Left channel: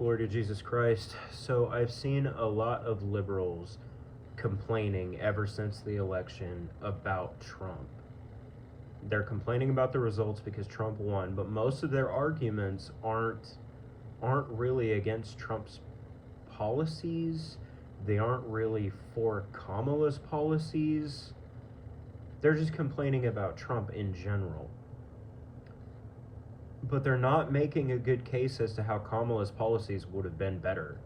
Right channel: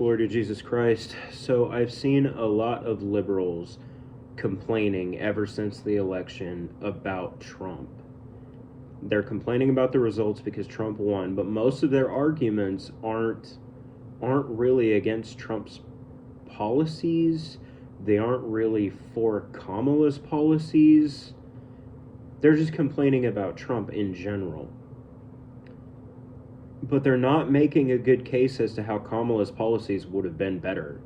Glory to Jesus Christ. So I've seen a lot of liberals complaining ever since the election about Trump. They're complaining about the results because Trump won, but most of their arguments aren't really against Trump's policies. They aren't really for Kamala's policies. They're just complaining about Trump in general. But they're not making a good case as to how Kamala's policies would have been better.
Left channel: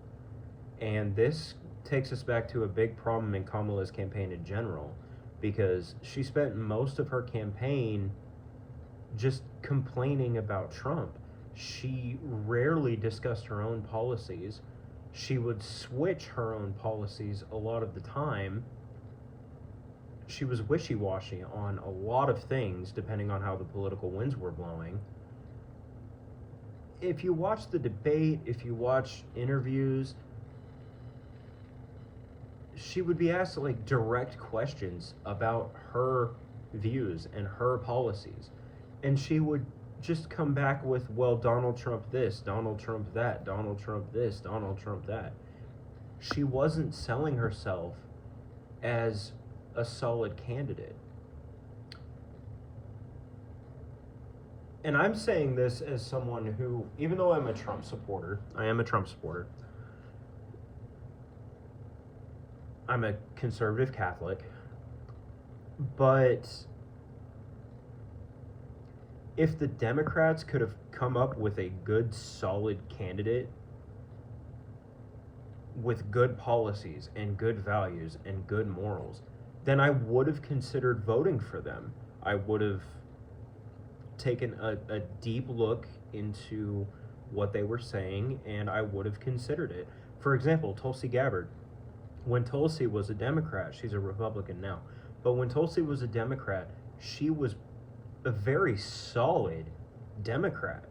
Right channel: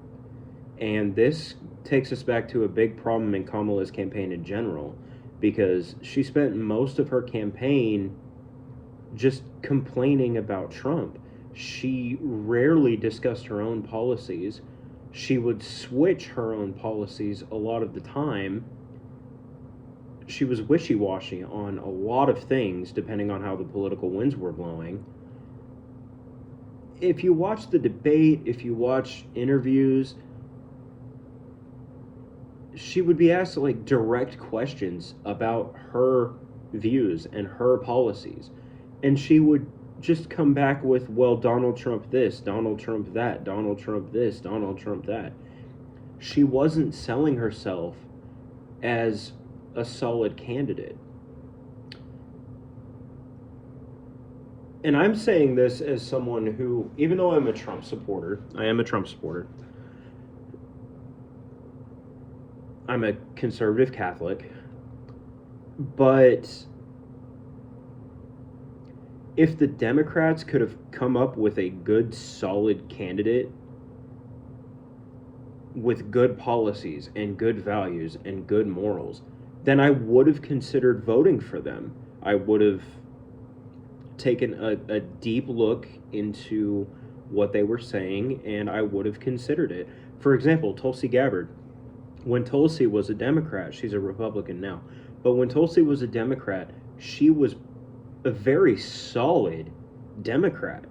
And this takes us back to a big problem in Kamala's campaign in general, because she spent most of her campaign just complaining about Trump. She rarely discussed her own policies. She would switch her own policies a lot of the time. She was wishy-washy on a lot of things depending on how the political winds were blowing. If you watch the debate, if you watch interviews, she would be asked like direct questions about her views and her policies, and she would just come back with, well, Donald Trump this, Donald Trump that, Donald Trump this, Donald Trump that. She wasn't selling herself as a solid candidate. And I'm saying this as someone who, even though I'm a Trump supporter, I am a Trump supporter. I'm a conservative Catholic. But if the Democrats could have come up with a good, solid candidate with good policies and good values and good morals, then I would have considered voting for them. I would have taken a deep look into what they were saying, and I would have considered it. For example, Tulsi Gabbard. When Tulsi was a Democrat, she's a Republican now, but when Tulsi was a Democrat, she was a very solid Democrat.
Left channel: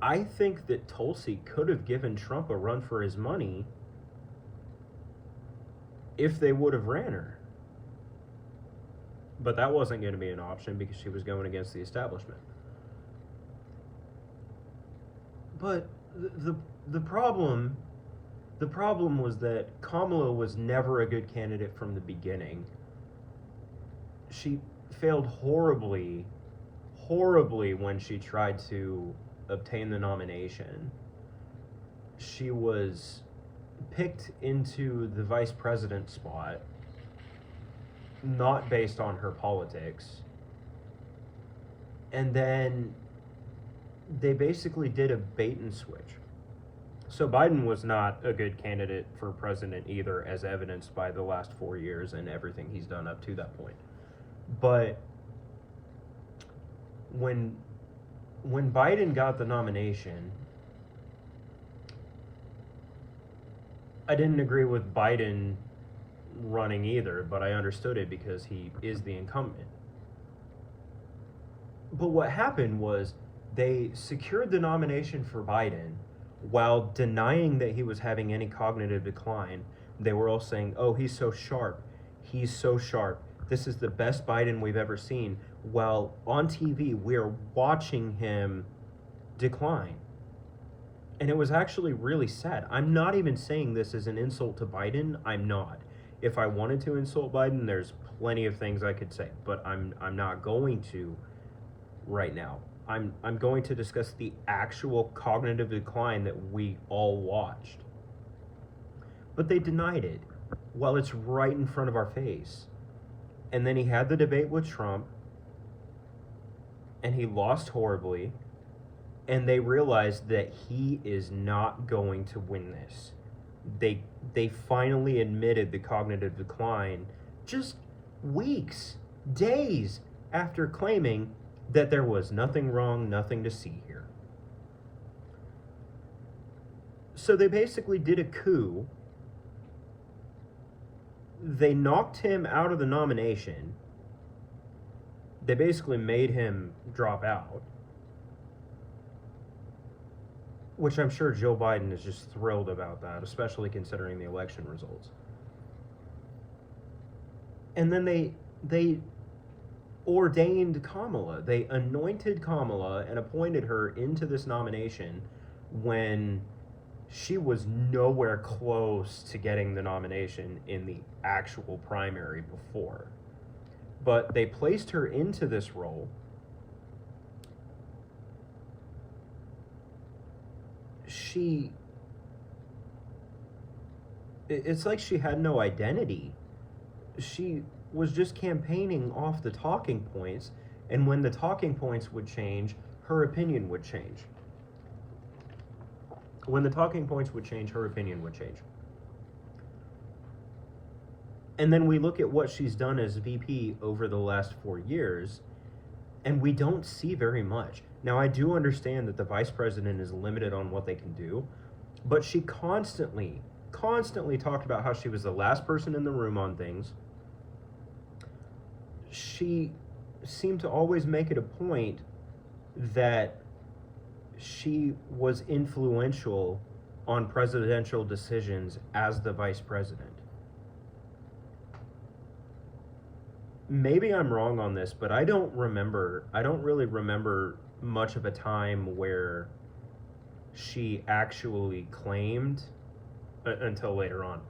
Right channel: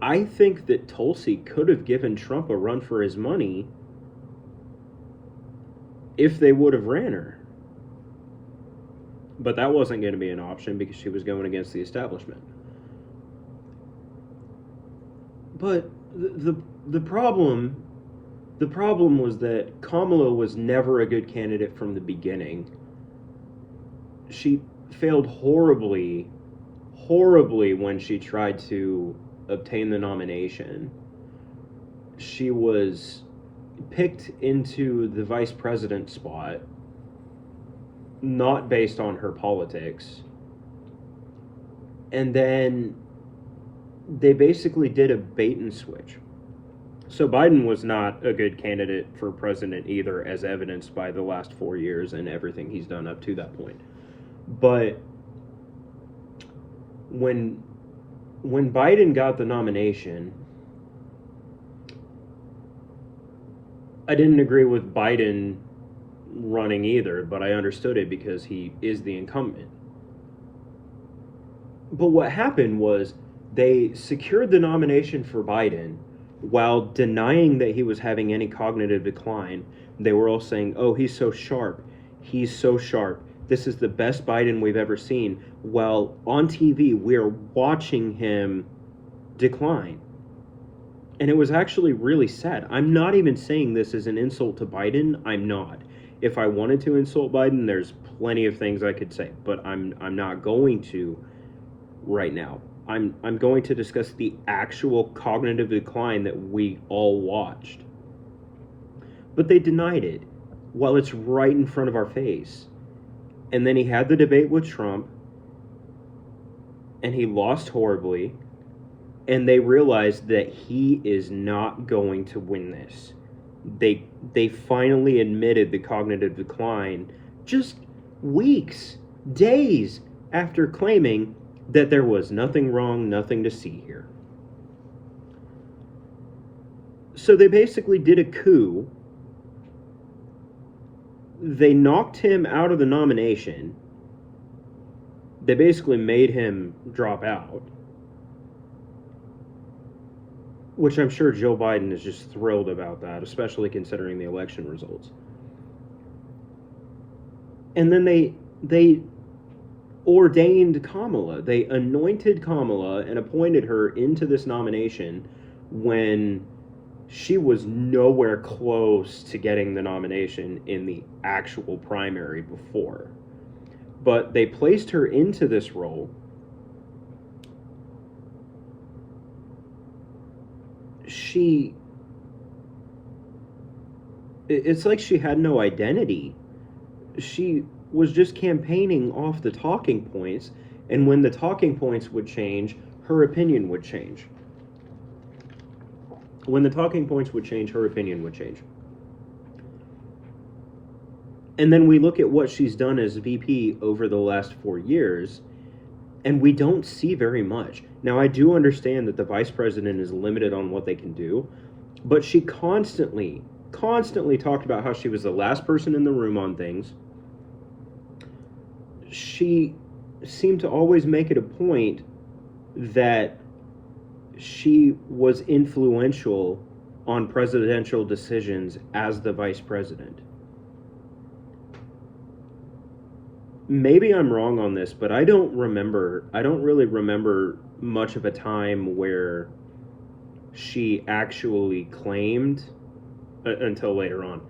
I think that Tulsi could have given Trump a run for his money if they would have ran her. But that wasn't going to be an option because she was going against the establishment. But the problem was that Kamala was never a good candidate from the beginning. She failed horribly when she tried to obtain the nomination. She was picked into the vice president spot not based on her politics. And then they basically did a bait and switch. So Biden was not a good candidate for president either, as evidenced by the last 4 years and everything he's done up to that point. But when Biden got the nomination, I didn't agree with Biden running either, but I understood it because he is the incumbent. But what happened was they secured the nomination for Biden while denying that he was having any cognitive decline. They were all saying, oh, he's so sharp. He's so sharp. This is the best Biden we've ever seen. Well, on TV, we're watching him decline. And it was actually really sad. I'm not even saying this as an insult to Biden. I'm not. If I wanted to insult Biden, there's plenty of things I could say, but I'm not going to right now. I'm going to discuss the actual cognitive decline that we all watched. But they denied it while it's right in front of our face. And then he had the debate with Trump, and he lost horribly, and they realized that he is not going to win this. They finally admitted the cognitive decline just weeks, days after claiming that there was nothing wrong, nothing to see here. So they basically did a coup. They knocked him out of the nomination. They basically made him drop out, which I'm sure Joe Biden is just thrilled about that, especially considering the election results. And then they ordained Kamala. They anointed Kamala and appointed her into this nomination when she was nowhere close to getting the nomination in the actual primary before. But they placed her into this role. It's like she had no identity. She was just campaigning off the talking points, and when the talking points would change, her opinion would change. When the talking points would change, her opinion would change. And then we look at what she's done as VP over the last 4 years, and we don't see very much. Now, I do understand that the vice president is limited on what they can do, but she constantly talked about how she was the last person in the room on things. She seemed to always make it a point that she was influential on presidential decisions as the vice president. Maybe I'm wrong on this, but I don't really remember much of a time where she actually claimed, until later on,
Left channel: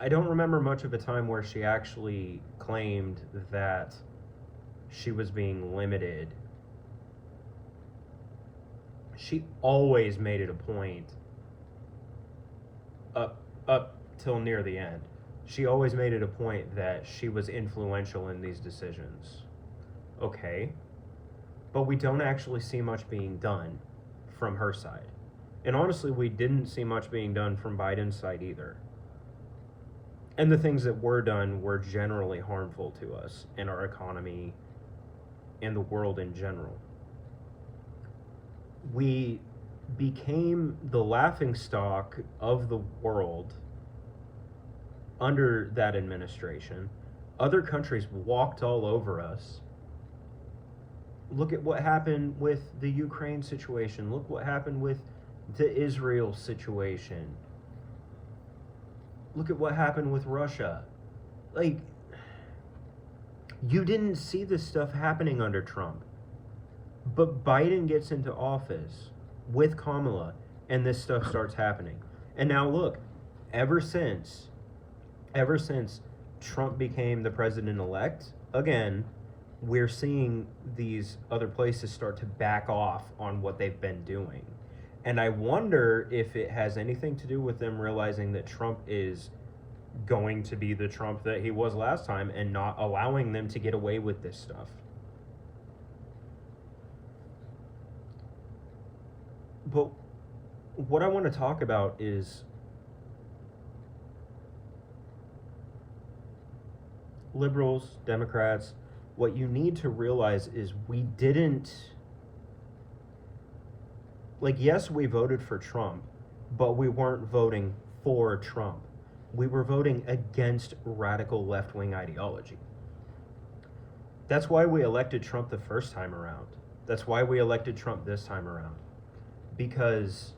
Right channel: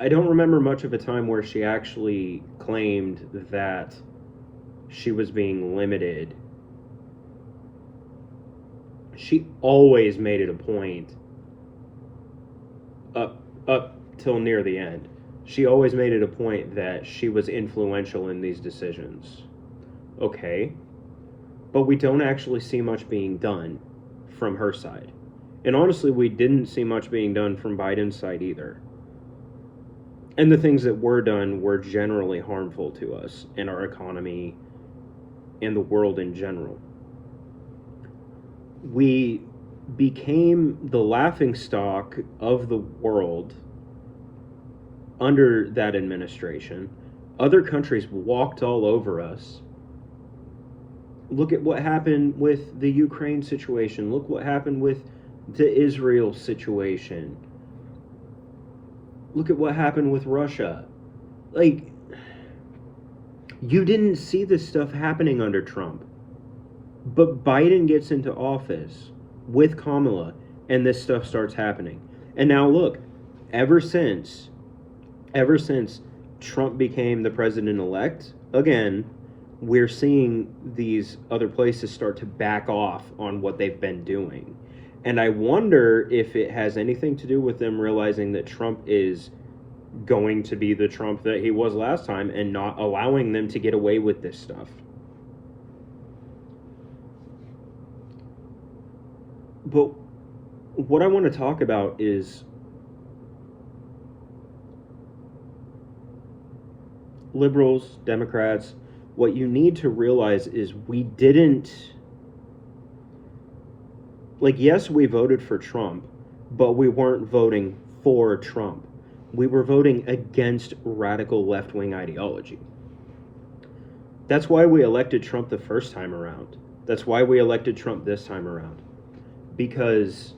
I don't remember much of a time where she actually claimed that she was being limited. She always made it a point up till near the end. She always made it a point that she was influential in these decisions. Okay, but we don't actually see much being done from her side. And honestly, we didn't see much being done from Biden's side either. And the things that were done were generally harmful to us and our economy and the world in general. We became the laughingstock of the world under that administration. Other countries walked all over us. Look at what happened with the Ukraine situation. Look what happened with the Israel situation. Look at what happened with Russia. Like, you didn't see this stuff happening under Trump. But Biden gets into office with Kamala, and this stuff starts happening. And now look, ever since Trump became the president-elect, again, we're seeing these other places start to back off on what they've been doing. And I wonder if it has anything to do with them realizing that Trump is going to be the Trump that he was last time and not allowing them to get away with this stuff. But what I want to talk about is liberals, Democrats. What you need to realize is we didn't, like, yes, we voted for Trump, but we weren't voting for Trump. We were voting against radical left-wing ideology. That's why we elected Trump the first time around. That's why we elected Trump this time around. Because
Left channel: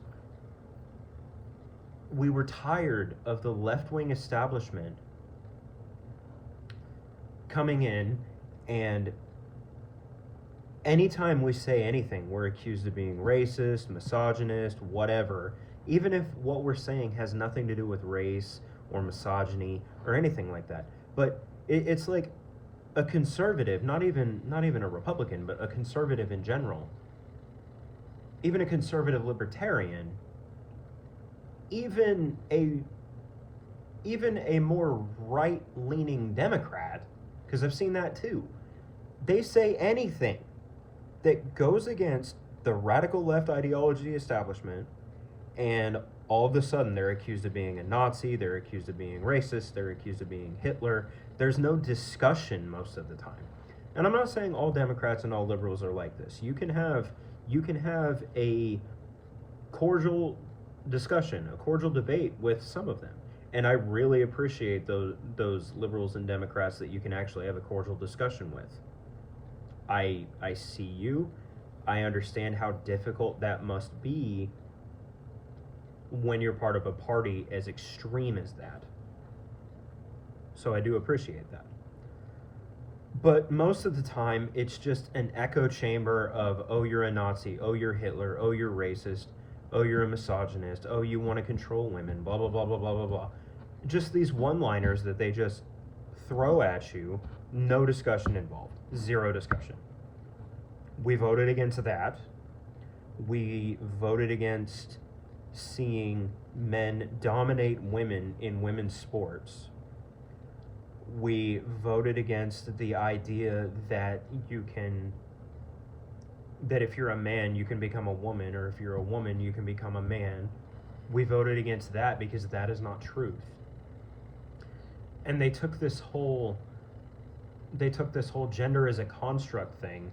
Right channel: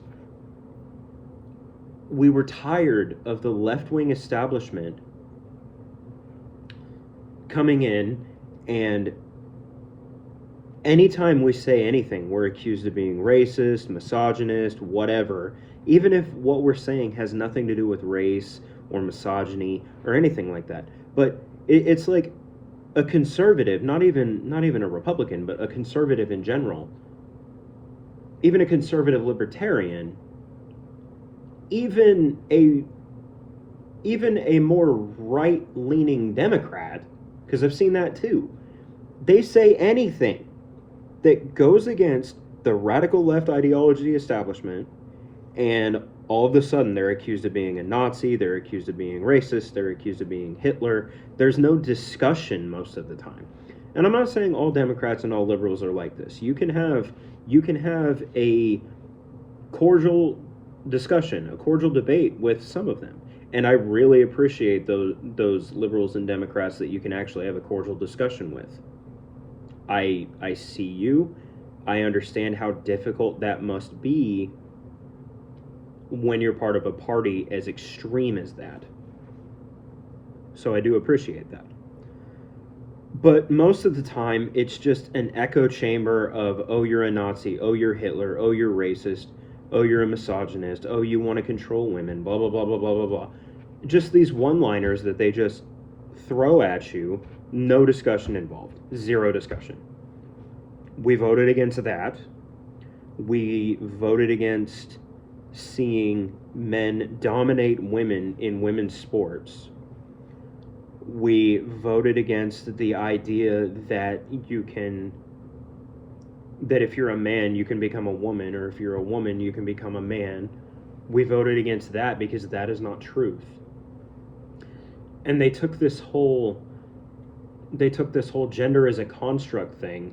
we were tired of the left-wing establishment coming in, and anytime we say anything, we're accused of being racist, misogynist, whatever, even if what we're saying has nothing to do with race or misogyny or anything like that. But it's like a conservative, not even a Republican, but a conservative in general, even a conservative libertarian, even a more right-leaning Democrat, because I've seen that too, they say anything that goes against the radical left ideology establishment, and all of a sudden they're accused of being a Nazi, they're accused of being racist, they're accused of being Hitler. There's no discussion most of the time. And I'm not saying all Democrats and all liberals are like this. You can have a cordial discussion, a cordial debate with some of them. And I really appreciate those liberals and Democrats that you can actually have a cordial discussion with. I see you. I understand how difficult that must be when you're part of a party as extreme as that. So I do appreciate that. But most of the time, it's just an echo chamber of, oh, you're a Nazi, oh, you're Hitler, oh, you're racist, oh, you're a misogynist, oh, you want to control women, blah, blah, blah, blah, blah, blah, blah. Just these one-liners that they just throw at you, no discussion involved, zero discussion. We voted against that. We voted against seeing men dominate women in women's sports. We voted against the idea that that if you're a man, you can become a woman, or if you're a woman, you can become a man. We voted against that because that is not truth. And they took this whole gender as a construct thing,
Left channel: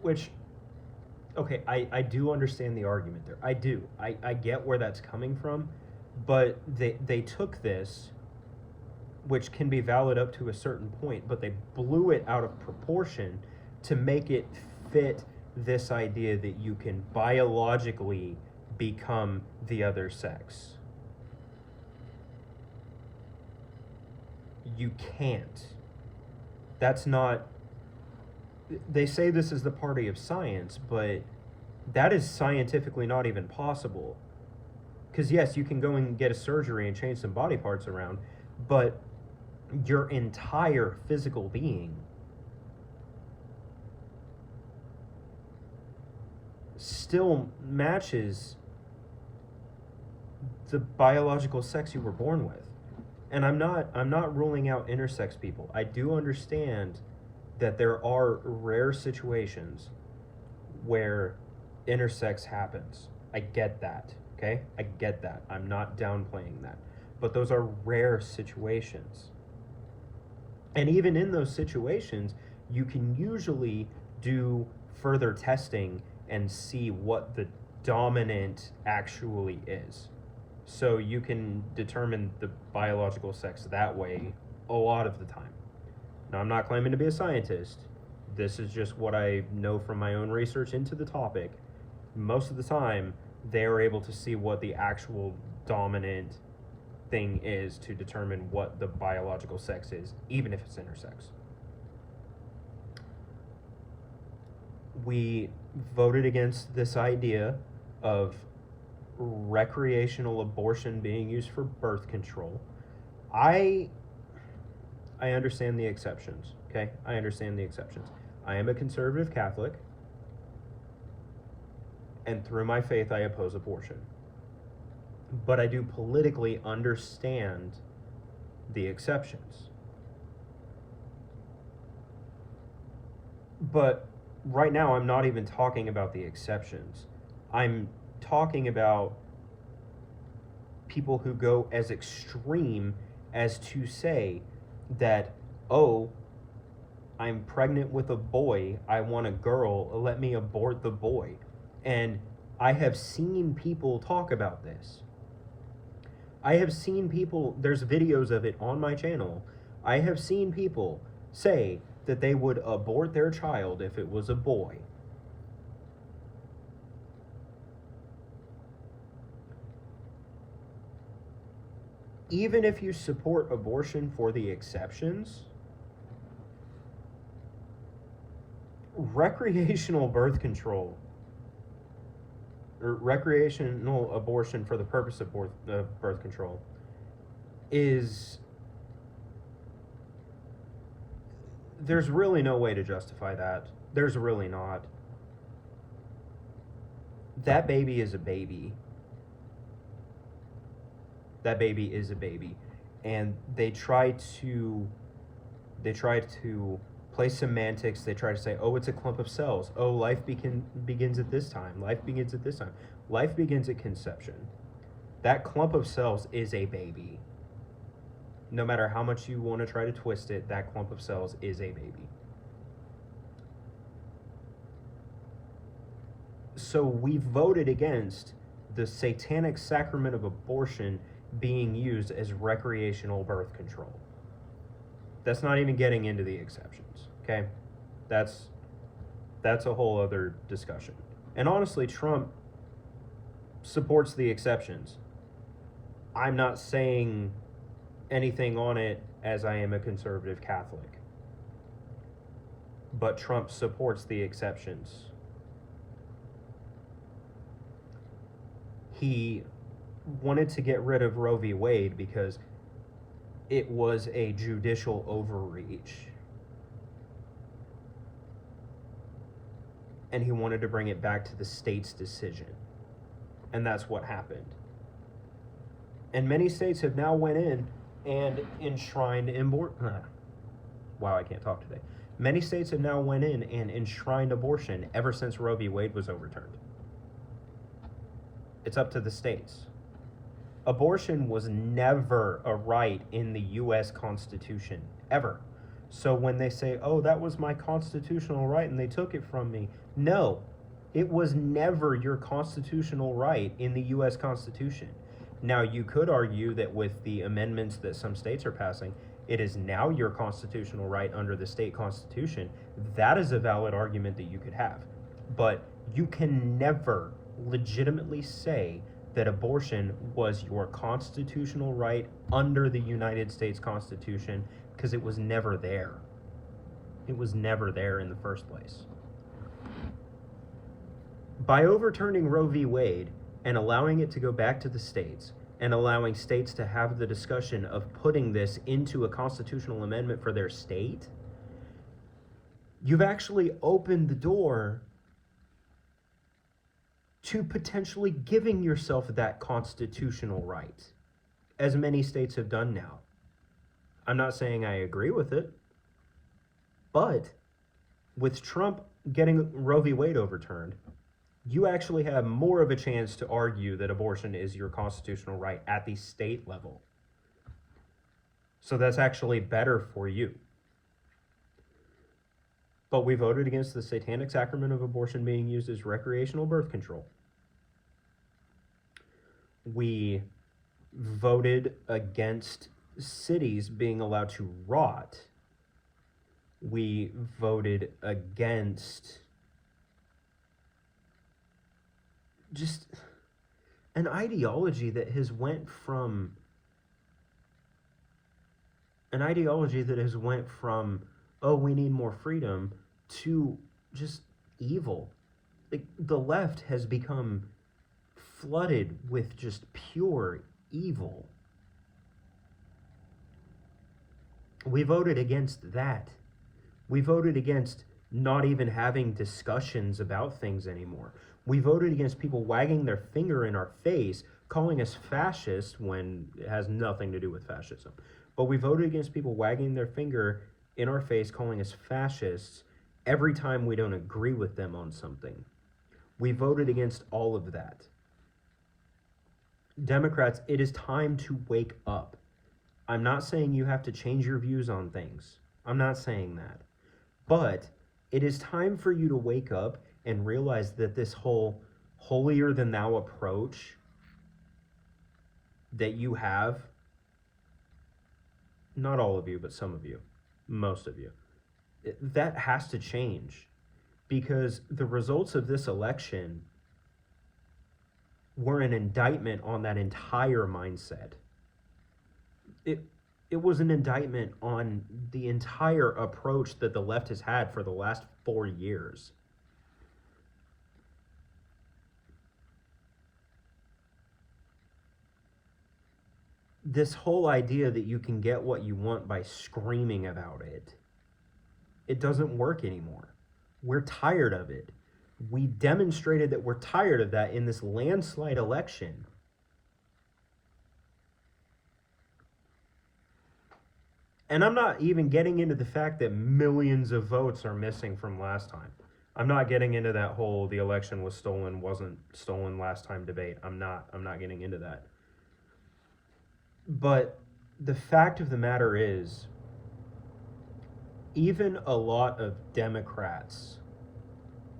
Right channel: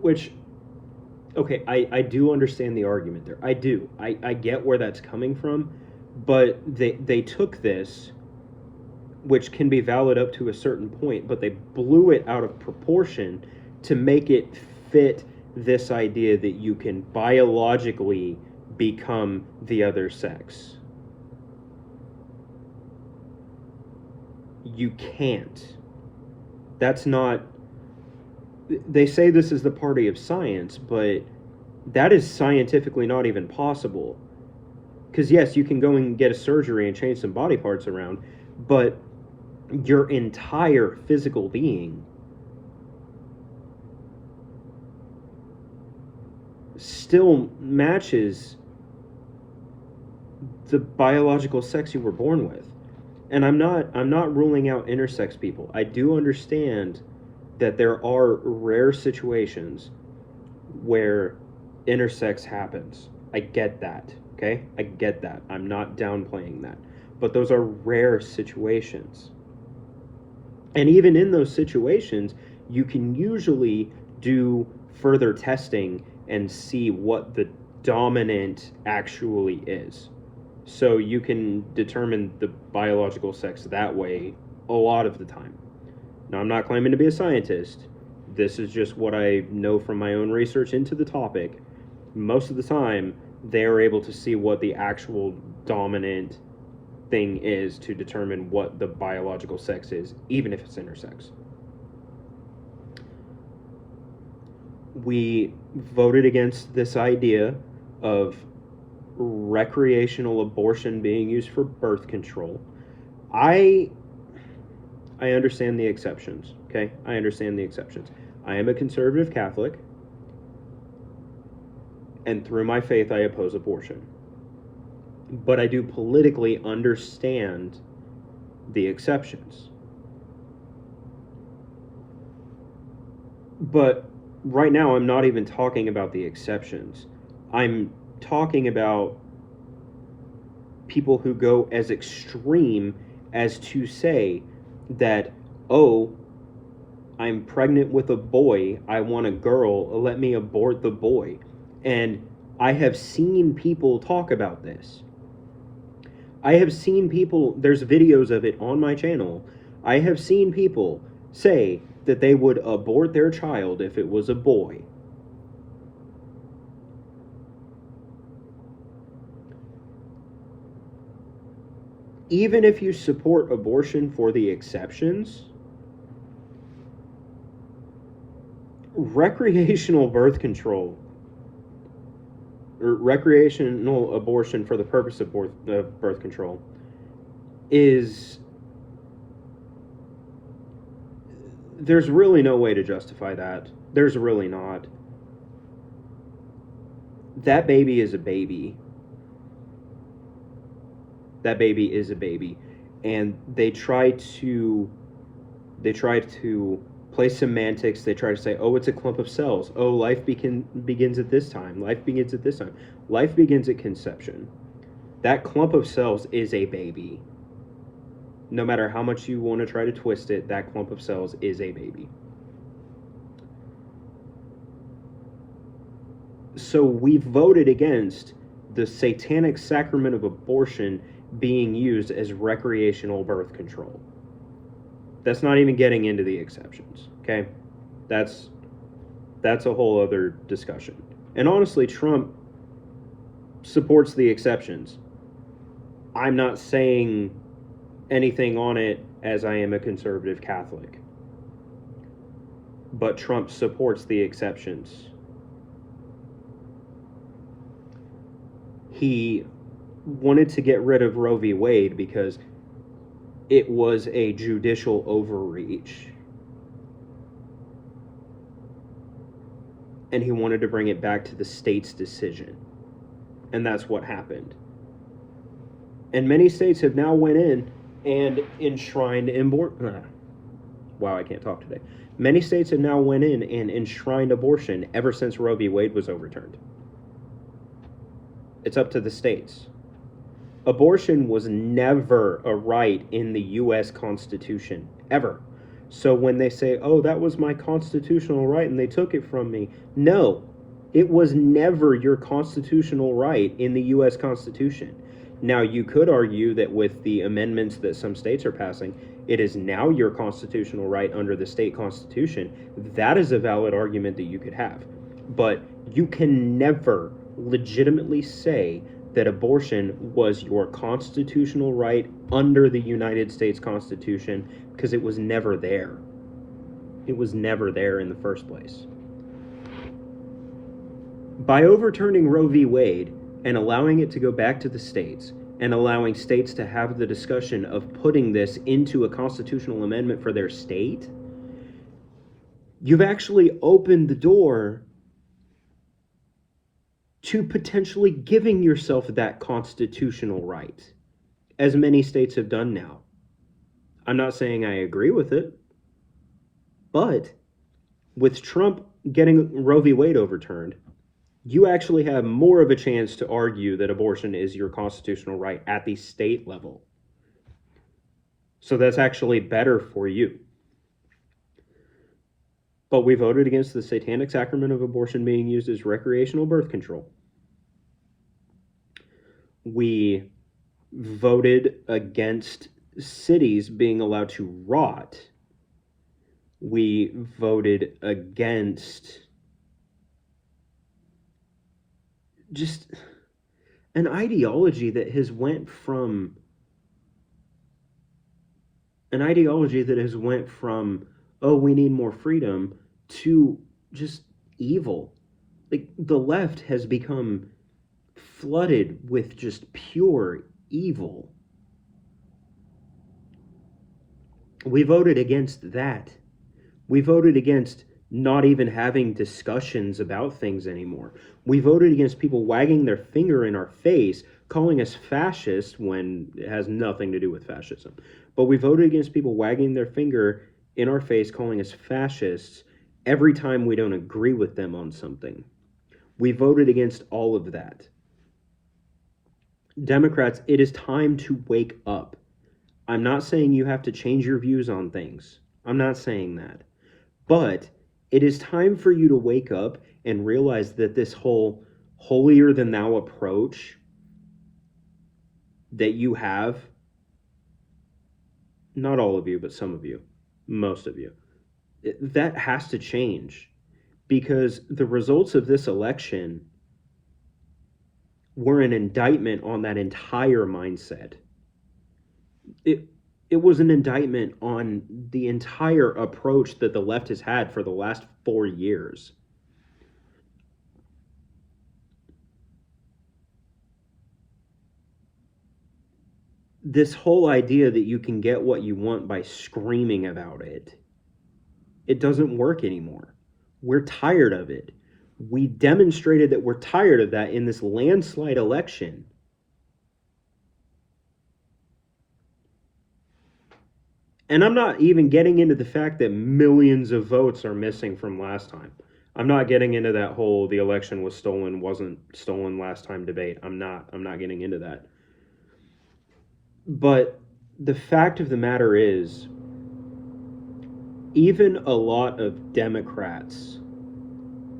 which, okay, I do understand the argument there. I do. I get where that's coming from, but they took this, which can be valid up to a certain point, but they blew it out of proportion to make it fit this idea that you can biologically become the other sex. You can't. That's not. They say this is the party of science, but that is scientifically not even possible. Because yes, you can go and get a surgery and change some body parts around, but your entire physical being still matches the biological sex you were born with. And I'm not ruling out intersex people. I do understand that there are rare situations where intersex happens. I get that, okay? I get that. I'm not downplaying that. But those are rare situations. And even in those situations, you can usually do further testing and see what the dominant actually is. So you can determine the biological sex that way a lot of the time. Now, I'm not claiming to be a scientist. This is just what I know from my own research into the topic. Most of the time, they are able to see what the actual dominant thing is to determine what the biological sex is, even if it's intersex. We voted against this idea of recreational abortion being used for birth control. I understand the exceptions, okay? I understand the exceptions. I am a conservative Catholic, and through my faith, I oppose abortion. But I do politically understand the exceptions. But right now, I'm not even talking about the exceptions. I'm talking about people who go as extreme as to say that, oh, I'm pregnant with a boy, I want a girl, let me abort the boy. And I have seen people talk about this. I have seen people, there's videos of it on my channel. I have seen people say that they would abort their child if it was a boy. Even if you support abortion for the exceptions, recreational birth control, or recreational abortion for the purpose of birth control, is, there's really no way to justify that. There's really not. That baby is a baby. That baby is a baby. And they try to play semantics. They try to say, oh, it's a clump of cells. Oh, life begins at this time. Life begins at this time. Life begins at conception. That clump of cells is a baby. No matter how much you want to try to twist it, that clump of cells is a baby. So we voted against the satanic sacrament of abortion being used as recreational birth control. That's not even getting into the exceptions, okay? That's a whole other discussion. And honestly, Trump supports the exceptions. I'm not saying anything on it as I am a conservative Catholic. but Trump supports the exceptions. He wanted to get rid of Roe v. Wade because it was a judicial overreach. And he wanted to bring it back to the state's decision. And that's what happened. And many states have now went in and enshrined wow, I can't talk today. Many states have now went in and enshrined abortion ever since Roe v. Wade was overturned. It's up to the states. Abortion was never a right in the U.S. Constitution, ever. So when they say, oh, that was my constitutional right and they took it from me, no, it was never your constitutional right in the U.S. Constitution. Now, you could argue that with the amendments that some states are passing, it is now your constitutional right under the state constitution. That is a valid argument that you could have. But you can never legitimately say that abortion was your constitutional right under the United States Constitution, because it was never there. It was never there in the first place. By overturning Roe v. Wade and allowing it to go back to the states and allowing states to have the discussion of putting this into a constitutional amendment for their state, you've actually opened the door to potentially giving yourself that constitutional right, as many states have done now. I'm not saying I agree with it, but with Trump getting Roe v. Wade overturned, you actually have more of a chance to argue that abortion is your constitutional right at the state level. So that's actually better for you. But we voted against the satanic sacrament of abortion being used as recreational birth control. We voted against cities being allowed to rot. We voted against just an ideology that has went from oh, we need more freedom, to just evil. Like, the left has become flooded with just pure evil. We voted against that. We voted against not even having discussions about things anymore. We voted against people wagging their finger in our face, calling us fascists when it has nothing to do with fascism. But we voted against people wagging their finger in our face, calling us fascists every time we don't agree with them on something. We voted against all of that. Democrats, it is time to wake up. I'm not saying you have to change your views on things. I'm not saying that. But it is time for you to wake up and realize that this whole holier-than-thou approach that you have, not all of you, but some of you, most of you, that has to change, because the results of this election were an indictment on that entire mindset. It was an indictment on the entire approach that the left has had for the last 4 years. This whole idea that you can get what you want by screaming about it, it doesn't work anymore. We're tired of it. We demonstrated that we're tired of that in this landslide election. And I'm not even getting into the fact that millions of votes are missing from last time. I'm not getting into that whole the election was stolen, wasn't stolen last time debate. I'm not getting into that. But the fact of the matter is, even a lot of Democrats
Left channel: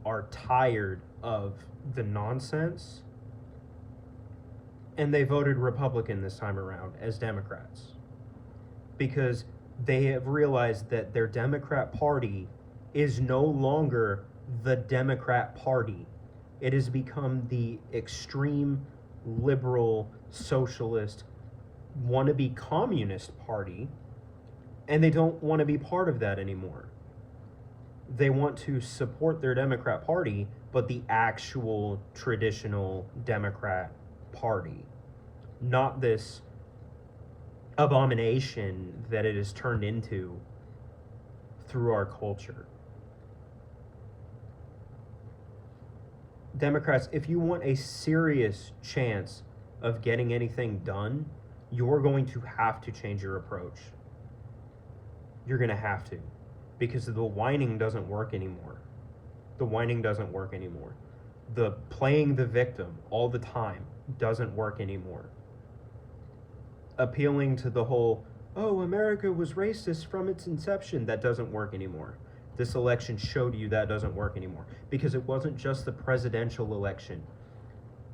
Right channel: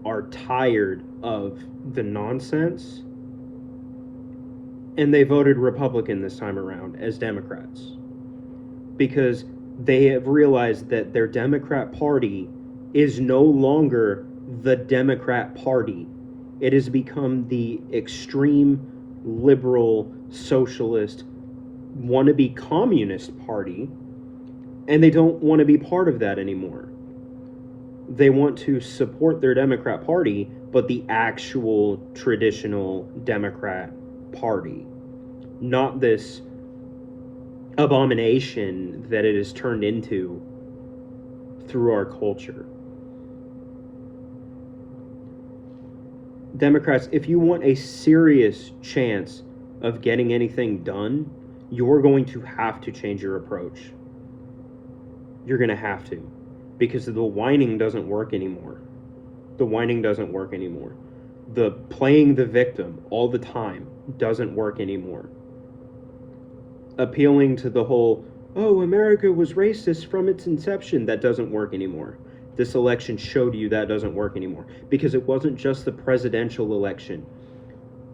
are tired of the nonsense, and they voted Republican this time around as Democrats, because they have realized that their Democrat Party is no longer the Democrat Party. It has become the extreme liberal, socialist, wannabe communist party, and they don't want to be part of that anymore. They want to support their Democrat Party, but the actual traditional Democrat Party, not this abomination that it has turned into through our culture. Democrats, if you want a serious chance of getting anything done, you're going to have to change your approach. You're going to have to. Because the whining doesn't work anymore. The whining doesn't work anymore. The playing the victim all the time doesn't work anymore. Appealing to the whole, oh, America was racist from its inception, that doesn't work anymore. This election showed you that doesn't work anymore. Because it wasn't just the presidential election.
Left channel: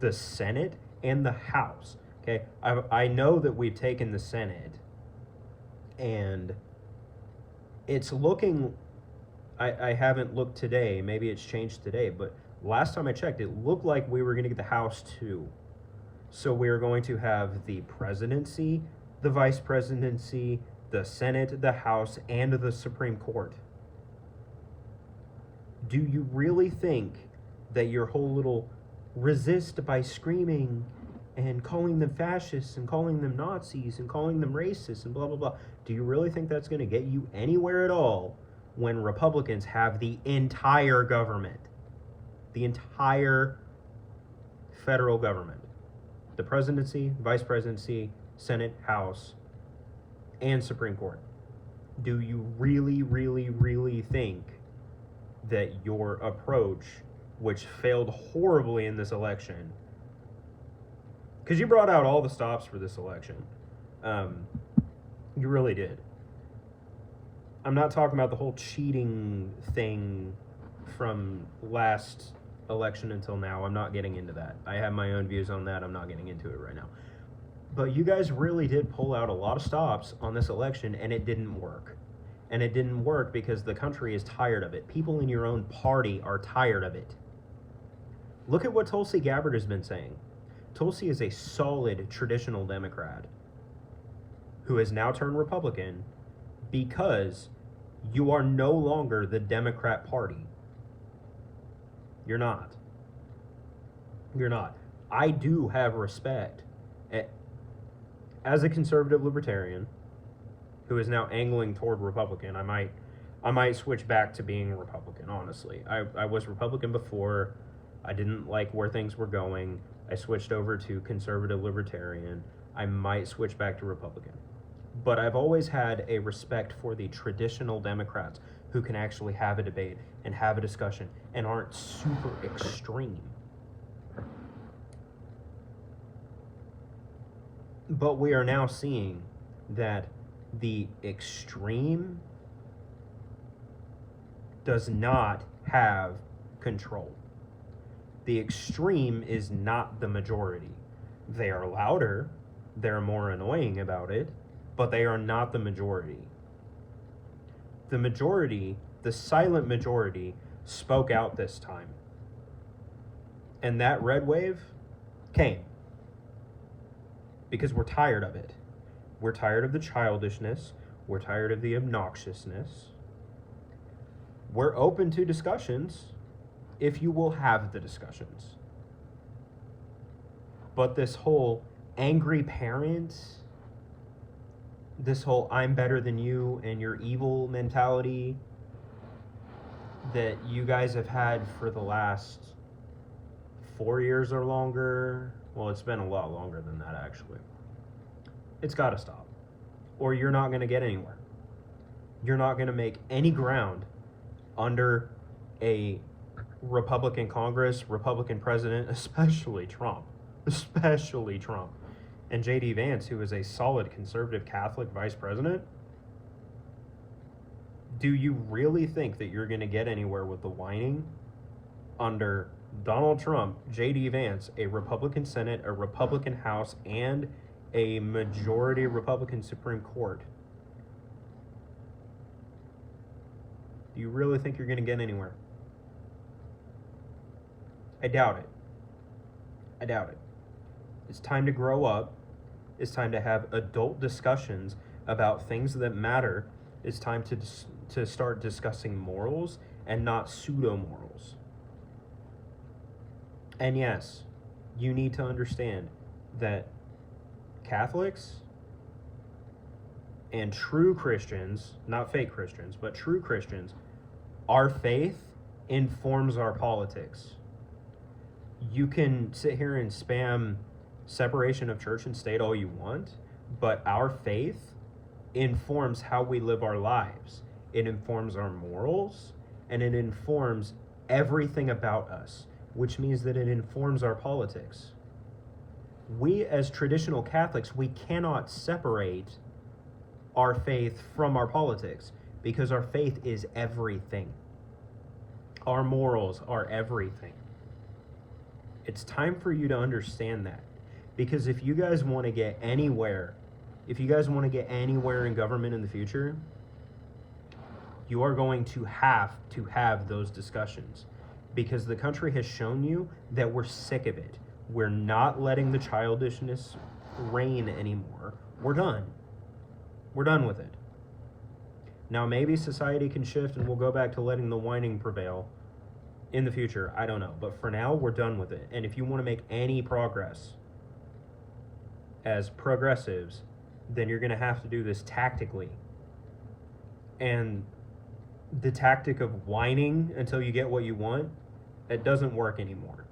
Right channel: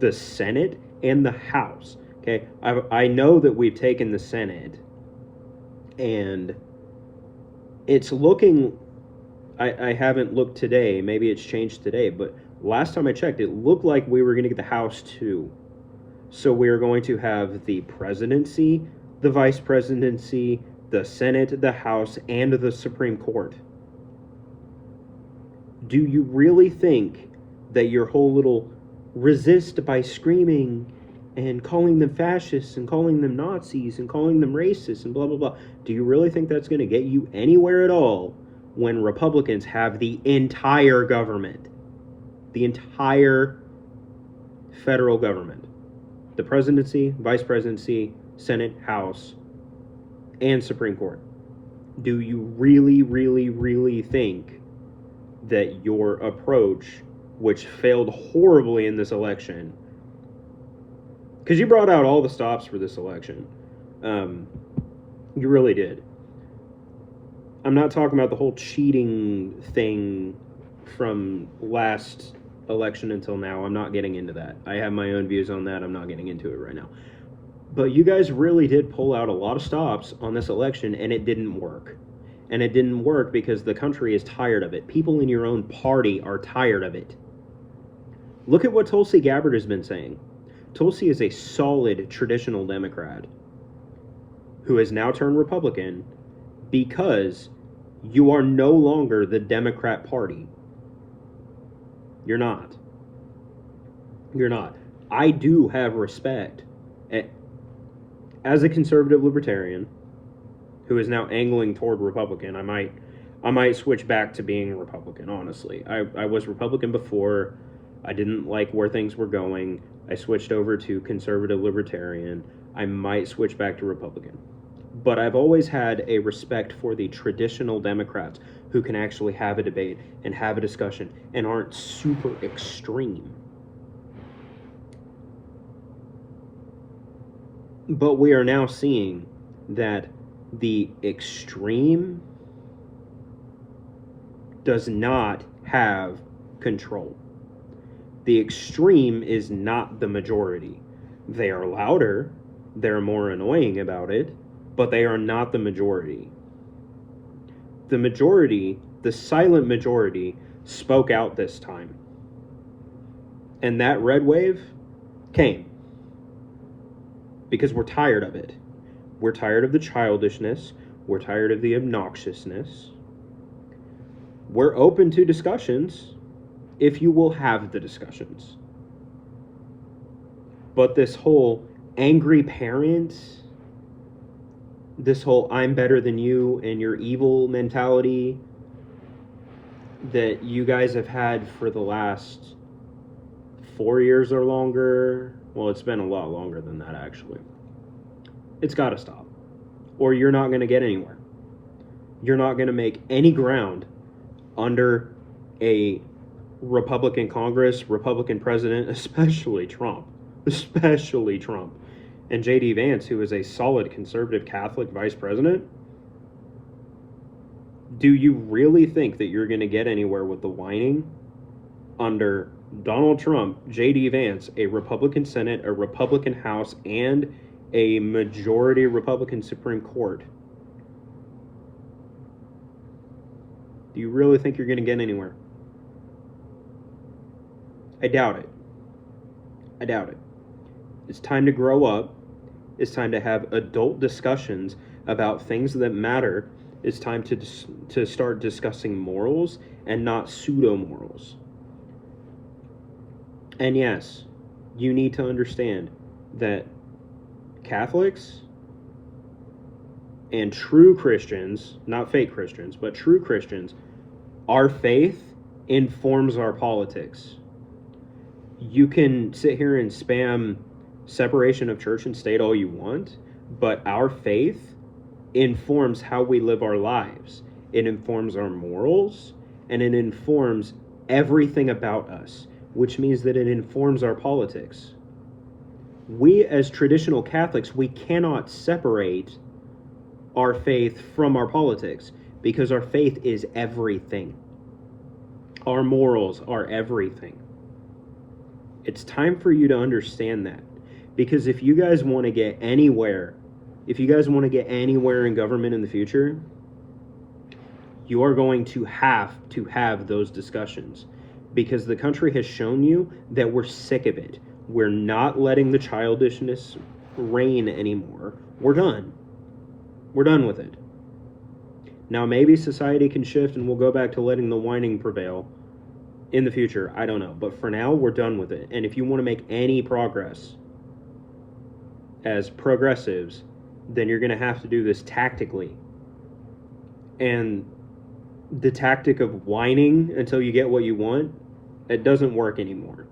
The Senate and the House. Okay, I know that we've taken the Senate, and it's looking, I haven't looked today, maybe it's changed today, but last time I checked, it looked like we were going to get the House too. So we're going to have the presidency, the vice presidency, the Senate, the House, and the Supreme Court. Do you really think that your whole little resist by screaming and calling them fascists and calling them Nazis and calling them racists and blah, blah, blah, do you really think that's going to get you anywhere at all when Republicans have the entire government? The entire federal government. The presidency, vice presidency, Senate, House, and Supreme Court. Do you really, really, really think that your approach, which failed horribly in this election, because you brought out all the stops for this election, you really did. I'm not talking about the whole cheating thing from last election until now. I'm not getting into that. I have my own views on that. I'm not getting into it right now. But you guys really did pull out a lot of stops on this election, and it didn't work. And it didn't work because the country is tired of it. People in your own party are tired of it. Look at what Tulsi Gabbard has been saying. Tulsi is a solid traditional Democrat who has now turned Republican because you are no longer the Democrat Party. You're not. You're not. I do have respect. As a conservative libertarian who is now angling toward Republican, I might switch back to being Republican, honestly. I was Republican before. I didn't like where things were going. I switched over to conservative libertarian. I might switch back to Republican. But I've always had a respect for the traditional Democrats who can actually have a debate and have a discussion and aren't super extreme. But we are now seeing that the extreme does not have control. The extreme is not the majority. They are louder, they're more annoying about it, but they are not the majority. The majority, the silent majority, spoke out this time. And that red wave came. Because we're tired of it. We're tired of the childishness. We're tired of the obnoxiousness. We're open to discussions if you will have the discussions. But this whole angry parent, this whole I'm better than you and you're evil mentality that you guys have had for the last 4 years or longer, well, it's been a lot longer than that, actually. It's got to stop. Or you're not going to get anywhere. You're not going to make any ground under a Republican Congress, Republican president, especially Trump. Especially Trump. And J.D. Vance, who is a solid conservative Catholic vice president. Do you really think that you're going to get anywhere with the whining under Donald Trump, J.D. Vance, a Republican Senate, a Republican House, and a majority Republican Supreme Court? Do you really think you're going to get anywhere? I doubt it. I doubt it. It's time to grow up. It's time to have adult discussions about things that matter It's time to start discussing morals and not pseudo morals. And yes, you need to understand that Catholics and true Christians, not fake Christians, but true Christians, our faith informs our politics. You can sit here and spam separation of church and state all you want, but our faith informs how we live our lives. It informs our morals, and it informs everything about us, which means that it informs our politics. We, as traditional Catholics, we cannot separate our faith from our politics because our faith is everything. Our morals are everything. It's time for you to understand that, because if you guys want to get anywhere, in government in the future, you are going to have those discussions, because the country has shown you that we're sick of it. We're not letting the childishness reign anymore. We're done. We're done with it. Now maybe society can shift and we'll go back to letting the whining prevail in the future. I don't know. But for now, we're done with it. And if you want to make any progress as progressives, then you're going to have to do this tactically. And the tactic of whining until you get what you want, it doesn't work anymore.